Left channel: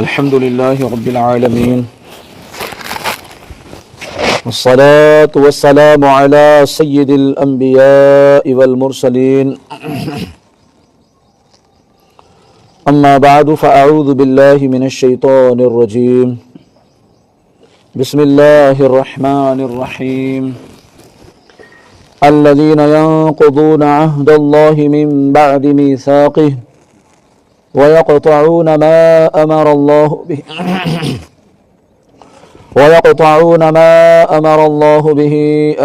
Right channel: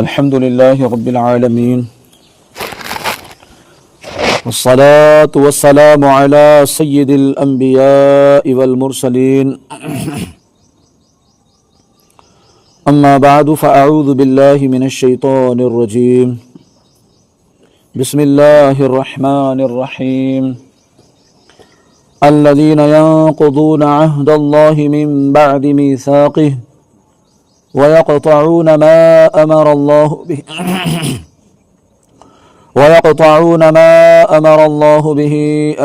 الحمد لله رب العالمين والصلاة والسلام على سيد الأنبياء والمرسلين أما بعد فأعوذ بالله من الشيطان الرجيم بسم الله الرحمن الرحيم الذين ينقضون عهد الله من بعد ميثاقه ويقطعون ما أمر الله به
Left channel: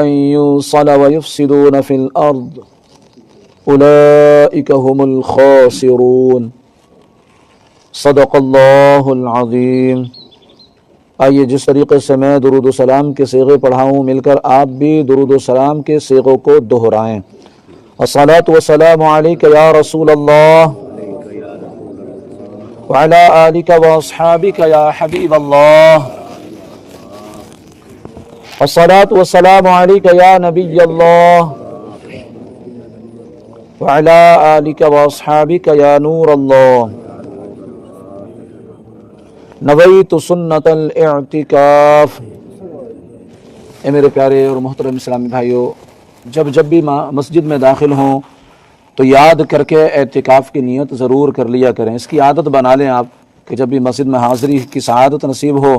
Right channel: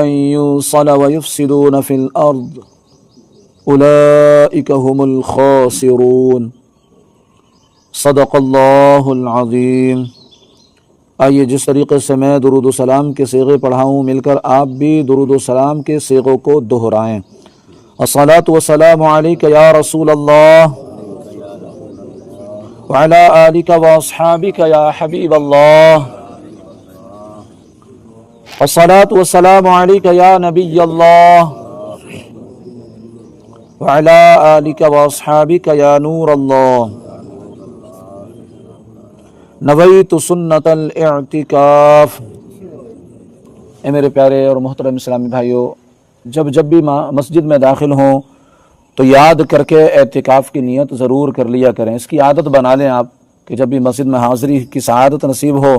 أن يوصل ويفسدون في الأرض أولئك هم الخاسرون صدق اللہ العظیم۔ آئیے جس طریقے سے میں درود و سلام کے صیغے پڑھاؤں مل کر آپ بھی درود و سلام کے صیغوں کو دہرائیں۔ الصلاۃ والسلام علیک یا رسول اللہ وعلی آلک واصحابک یا حبیب اللہ، الصلاۃ والسلام علیک یا نبی اللہ وعلی آلک واصحابک یا نور اللہ، نویت سنت الاعتکاف۔ اے میرے پیارے اور محترم اسلامی بھائیوں، جب بھی مسجد میں داخل ہوں تو یاد کر کے اعتکاف کی نیت ضرور کر لیا کریں۔ اس کی عادت بنا لیں آپ کہ جب بھی مسجد میں حاضری کی سعادت نصیب ہو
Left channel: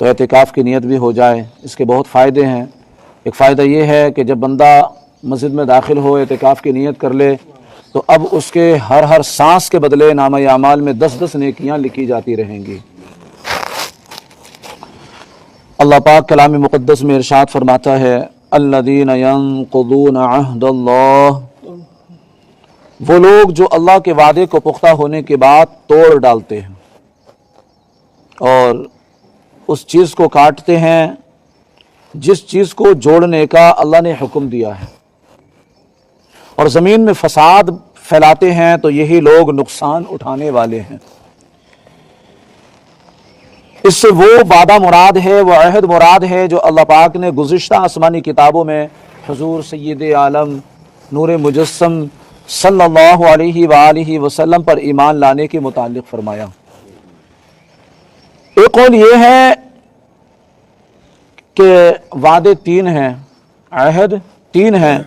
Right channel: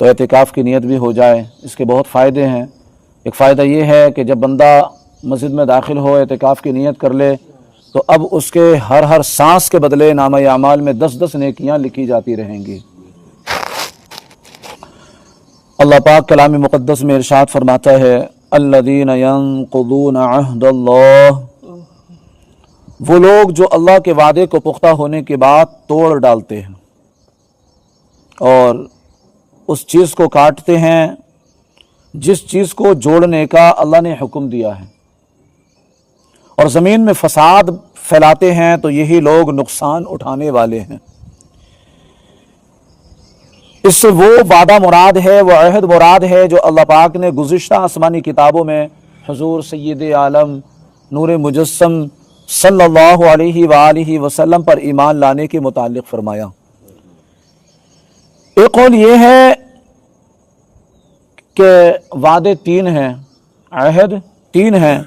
تو اعتکاف کی نیت بھی ہو جائے۔ اس کے بہت فائدے ہیں۔ ایک فائدہ یہ ہے کہ جب بندہ مسجد میں داخل ہو اعتکاف کی نیت کر لے تو اب اس کے ہر سانس کے بدلے نامہ اعمال میں 10 نیکیاں لکھی جاتی رہیں گی۔ اللہ پاک کلام مقدس میں ارشاد فرماتا ہے الذین ینقضون عہد اللہ، وہ لوگ جو اللہ کے وعدے کو پختہ ہونے کے بعد توڑ ڈالتے ہیں اور اس چیز کو کاٹتے ہیں جس چیز کو جوڑنے کا اللہ نے حکم دیا ہے، اور زمین میں فساد پھیلاتے ہیں تو یہی لوگ نقصان اٹھانے والے ہیں۔ اس سے وہ وعدہ مراد ہے، وہ عہد مراد ہے جو اللہ پاک نے گزشتہ آسمانی کتابوں میں حضور سید عالم نور مجسم صلی اللہ علیہ وآلہ وسلم پر ایمان لانے کے متعلق فرمایا۔ ایک قول یہ ہے کہ وعدے 3 ہیں، عہد 3 ہیں۔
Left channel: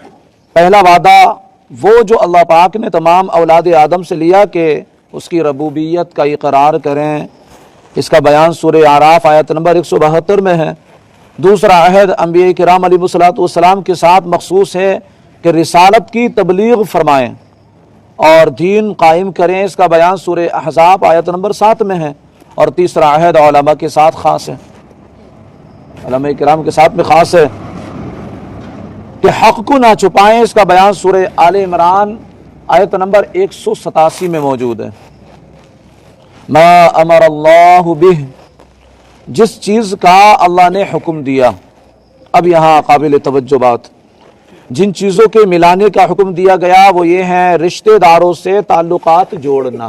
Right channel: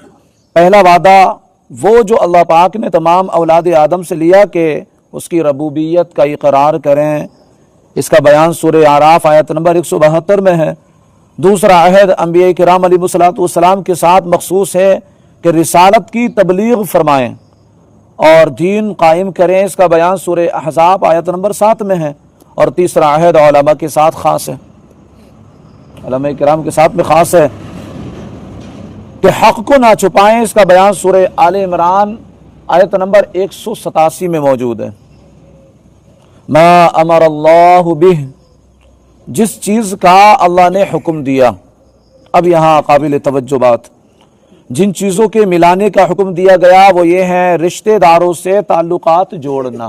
پہلا وعدہ وہ جو اللہ پاک نے تمام اولاد آدم سے لیا کہ اس کی ربوبیت کا اقرار کریں، اس کا بیان سورہ اعراف آیت نمبر 172 میں ہے۔ دوسرا عہد انبیاء کرام علیہ السلام کے ساتھ مخصوص ہے کہ رسالت کی تبلیغ فرمائیں اور دین قائم کریں، اس کا بیان سورہ احزاب آیت نمبر 7 میں ہے۔ اور تیسرا عہد علماء کے ساتھ خاص ہے، علماء کرام کے ساتھ میں خاص ہے کہ حق کو نہ چھپائیں، اس کا بیان سورہ آل عمران آیت نمبر 187 میں موجود ہے۔ ما امر اللہ بہ، جس چیز کا اللہ نے حکم دیا۔ اب یہاں قابل توجہ بات، جن چیزوں کے ملانے کا حکم دیا گیا وہ یہ ہیں رشتہ داروں سے تعلقات جوڑنا،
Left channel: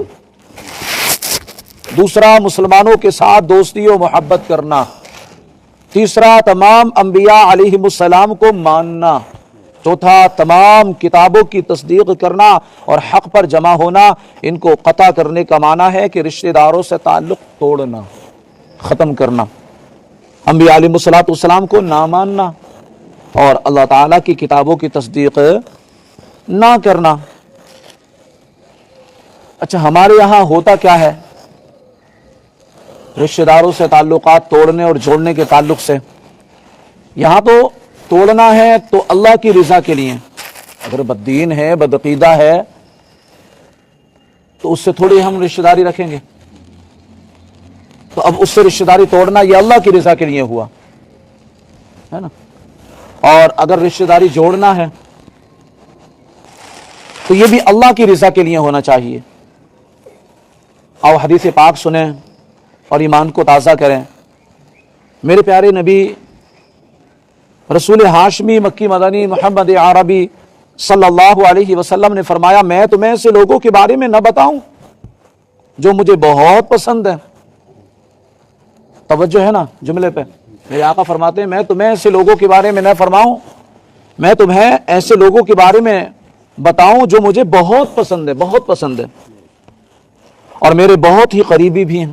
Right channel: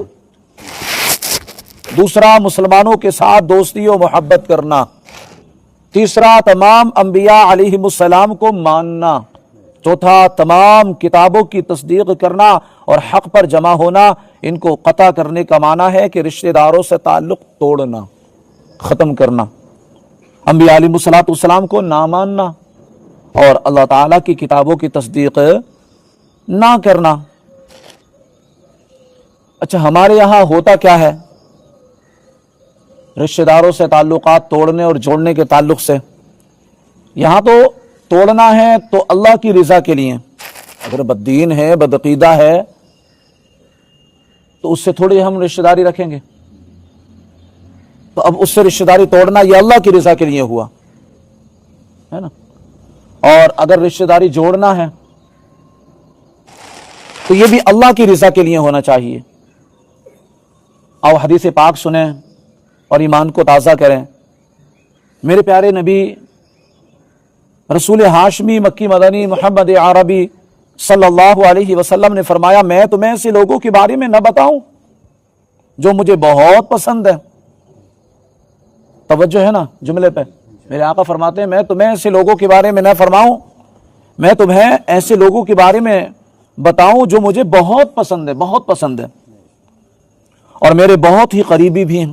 دوسرا مسلمانوں کے ساتھ دوستی و محبت کرنا، تیسرا تمام انبیاء علیہم السلام کو ماننا، چوتھا تمام کتابوں کی تصدیق کرنا اور حق پر جمع ہونا۔ ان کو قطع کرنے کا معنی ہے کہ رشتہ داروں سے تعلق توڑنا، ختم کرنا، انبیاء علیہ السلام کو نہ ماننا اور اللہ تعالیٰ کی کتابوں کی تصدیق نہ کرنا۔ اچھا، ہمارے یہاں ہوتا کیا ہے رشتہ داروں سے تعلقات توڑنے اور جوڑنے کے تعلق سے؟ یہاں تو توڑنا ہے تو اللہ کی رضا کے لیے، اگر بددین ہے بدعقیدہ ہے تو اس سے تھوڑی ہم رشتہ داری رکھیں گے، تو اب اس سے رشتہ داری توڑنا یہ اللہ کی رضا کے لیے ہوا ہے نا۔ اور اگر رشتہ داری جوڑنا ہے تو یہ بھی اللہ کی رضا کے لیے ہونا چاہیے۔ آؤ حدیث پاک سنیں اور ایمان کو تازہ کریں۔ میرے پیارے نبی رسول ہاشمی مکی مدنی محمد عربی صلی اللہ علیہ وسلم نے فرمایا میں تمہیں ایسے لوگوں کے بارے میں نہ بتاؤں جو مجھے بہت پسند ہے۔ توجہ ہے نا جملے پہ؟ میرے آقا فرماتے ہیں میں تمہیں ایسے لوگوں کے بارے میں نہ فرماؤں، میں تمہیں ایسے لوگوں کے بارے میں بتاؤں جو مجھے بہت پسند ہے، بہت پسند ہے اور میرے بہت ہی قریبی بھی ہیں۔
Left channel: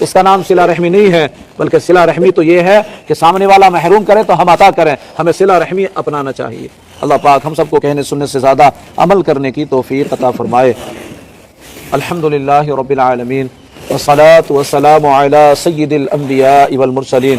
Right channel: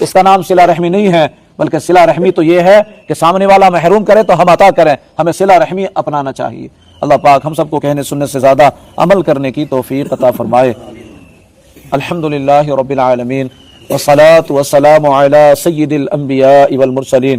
اس کا نام صلہ رحمی نہیں ہے، بلکہ صلہ رحمی تو یہ ہے کہ سامنے والا محروم کرے تو ہم عطا کریں، ہمیں صلہ رحمی اپنانا چاہیے۔ اللہ پاک ہم سب کو کہنے سننے سے زیادہ عمل کرنے کی توفیق عطا فرمائے۔ الحمدللہ رب العالمین والصلاة والسلام علی سید الانبیاء والمرسلین۔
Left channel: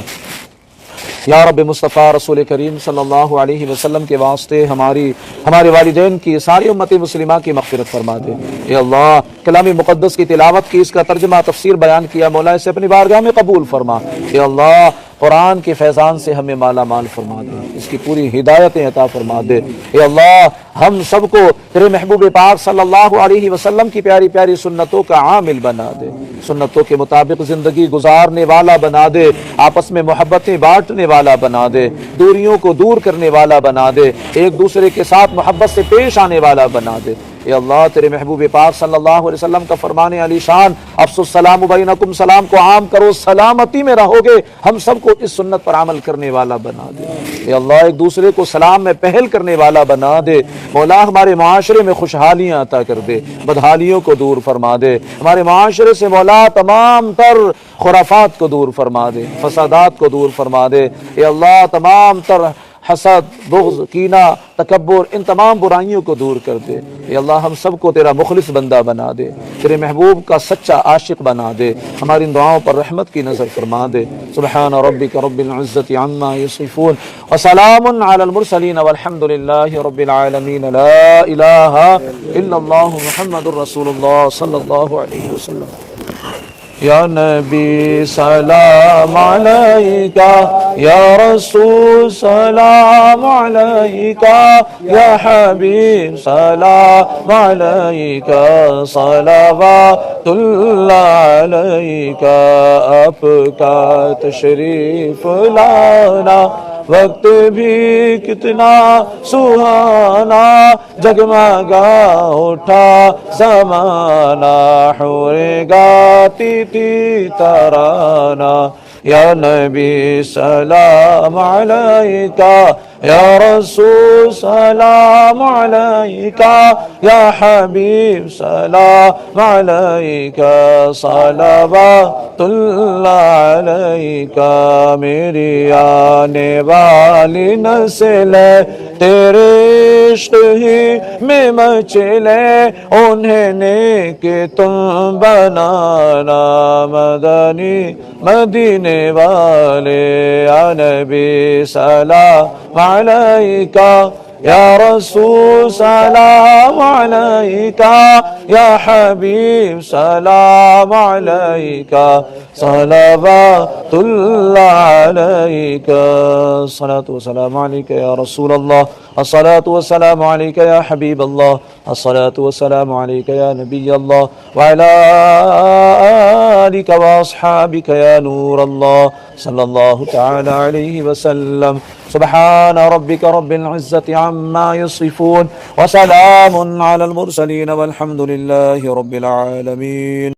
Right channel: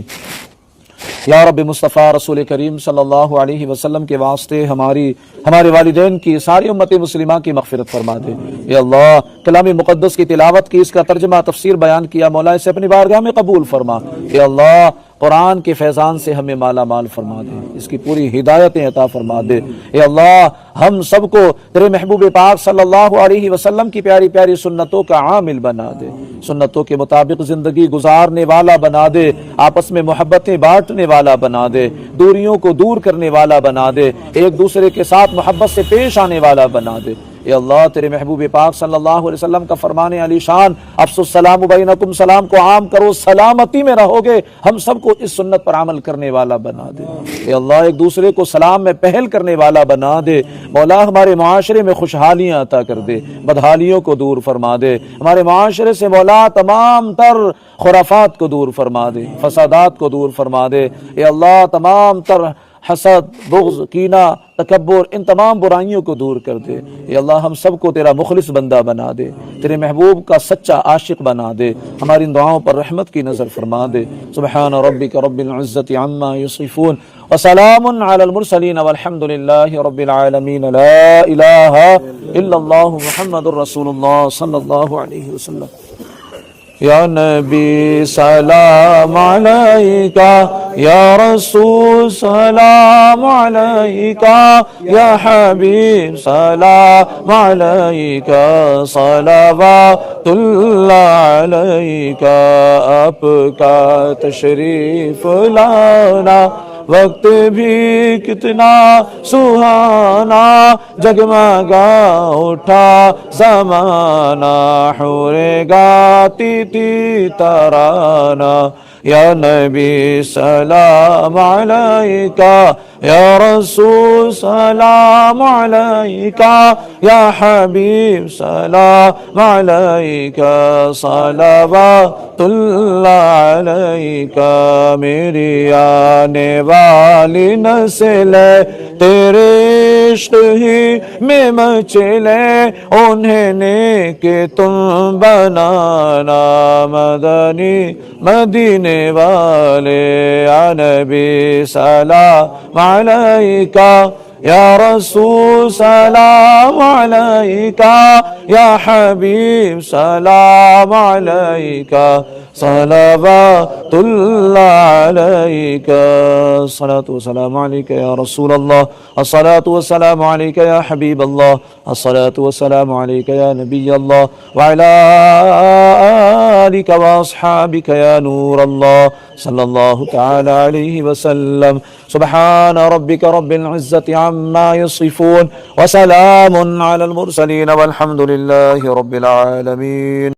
یا رب مصطفیٰ رسول کریم صلی اللہ علیہ وسلم کے واسطے ہمارے والدین کی ساری امت مسلمہ کی مغفرت فرما دے۔ اے اللہ کلام مقدس کی تلاوت کی، اس کا ترجمہ تفسیر بیان کیا، مولا اسے اپنی بارگاہ میں قبول فرما۔ اے اللہ قرآن کے فیضان سے ہمیں مالا مال فرما دے، اس کی پوری ہدایتیں عطا فرما دے۔ اے اللہ ہم سب کو تیرے محبوب پاک صلی اللہ علیہ وسلم کی پیاری پیاری سنتوں کا عامل بنا دے، سنتوں کے مطابق زندگی گزارنے والا بنا دے، آپس میں محبتیں بانٹنے والا بنا دے، دوریوں کو دور کرنے والا بنا دے، ایک دوسرے کے ساتھ محبت سے پیش آنے والا بنا دے۔ اے اللہ تیرے محبوب پاک صلی اللہ علیہ وسلم کا فرمان علی شان افسو السلام بینکم، سلام کو عام کرو، سلامتی میں رہو گے، ہم سب کو اس سنت پر عمل کرنے والا بنا دے۔ اے اللہ ایک دوسرے کو سلام میں پہل کرنے والا بنا دے۔ مولا ہمارے معاشرے میں خوشحالیاں عطا کر دے، بدحالیوں کو دور فرما دے، ہمارے معاشرے سے مولا تمام تر خرافات کو دور فرما دے، فسادات کو دور فرما دے۔ اے اللہ تمام تر حسد، بغض، کینہ، تکبر، ان تمام برائیوں کو دور کر دے۔ اے اللہ ہم سب کو تیرا مخلص بندہ بنا دے، تیرے محبوب کا سچا عاشق بنا دے، ہماری ان دعاؤں پر رحمت کی نظر فرما دے۔ سبحان ربک رب العزت عما یصفون وسلام علی المرسلین والحمد للہ رب العالمین۔ لا الہ الا اللہ محمد رسول اللہ صلی اللہ علیہ وسلم۔ یا نبی سلام علیکہ، یا رسول سلام علیکہ، یا حبیب سلام علیکہ، صلوات اللہ علیکہ۔ آپ کا تشریف لانا وقت بھی کتنا سہانا، جگمگا اٹھا زمانہ، حور گاتی تھی ترانہ۔ یا نبی سلام علیکہ، یا رسول سلام علیکہ، یا حبیب سلام علیکہ، صلوات اللہ علیکہ۔ میری آنے والی نسل تیرے عشق ہی میں مچلے، انہیں نیک تم بنانا، مدنی مدینے والے۔ یا نبی سلام علیکہ، یا رسول سلام علیکہ، یا حبیب سلام علیکہ، صلوات اللہ علیکہ۔ الصلاة والسلام علیکہ یا رسول اللہ، الصلاة والسلام علیکہ یا حبیب اللہ، الصلاة والسلام علیکہ یا نبی اللہ، وعلی آلک واصحابک یا نور اللہ، صلی اللہ تعالی علیہ وسلم۔ سبحان ربک رب العزت عما یصفون وسلام علی المرسلین والحمد للہ رب العالمین۔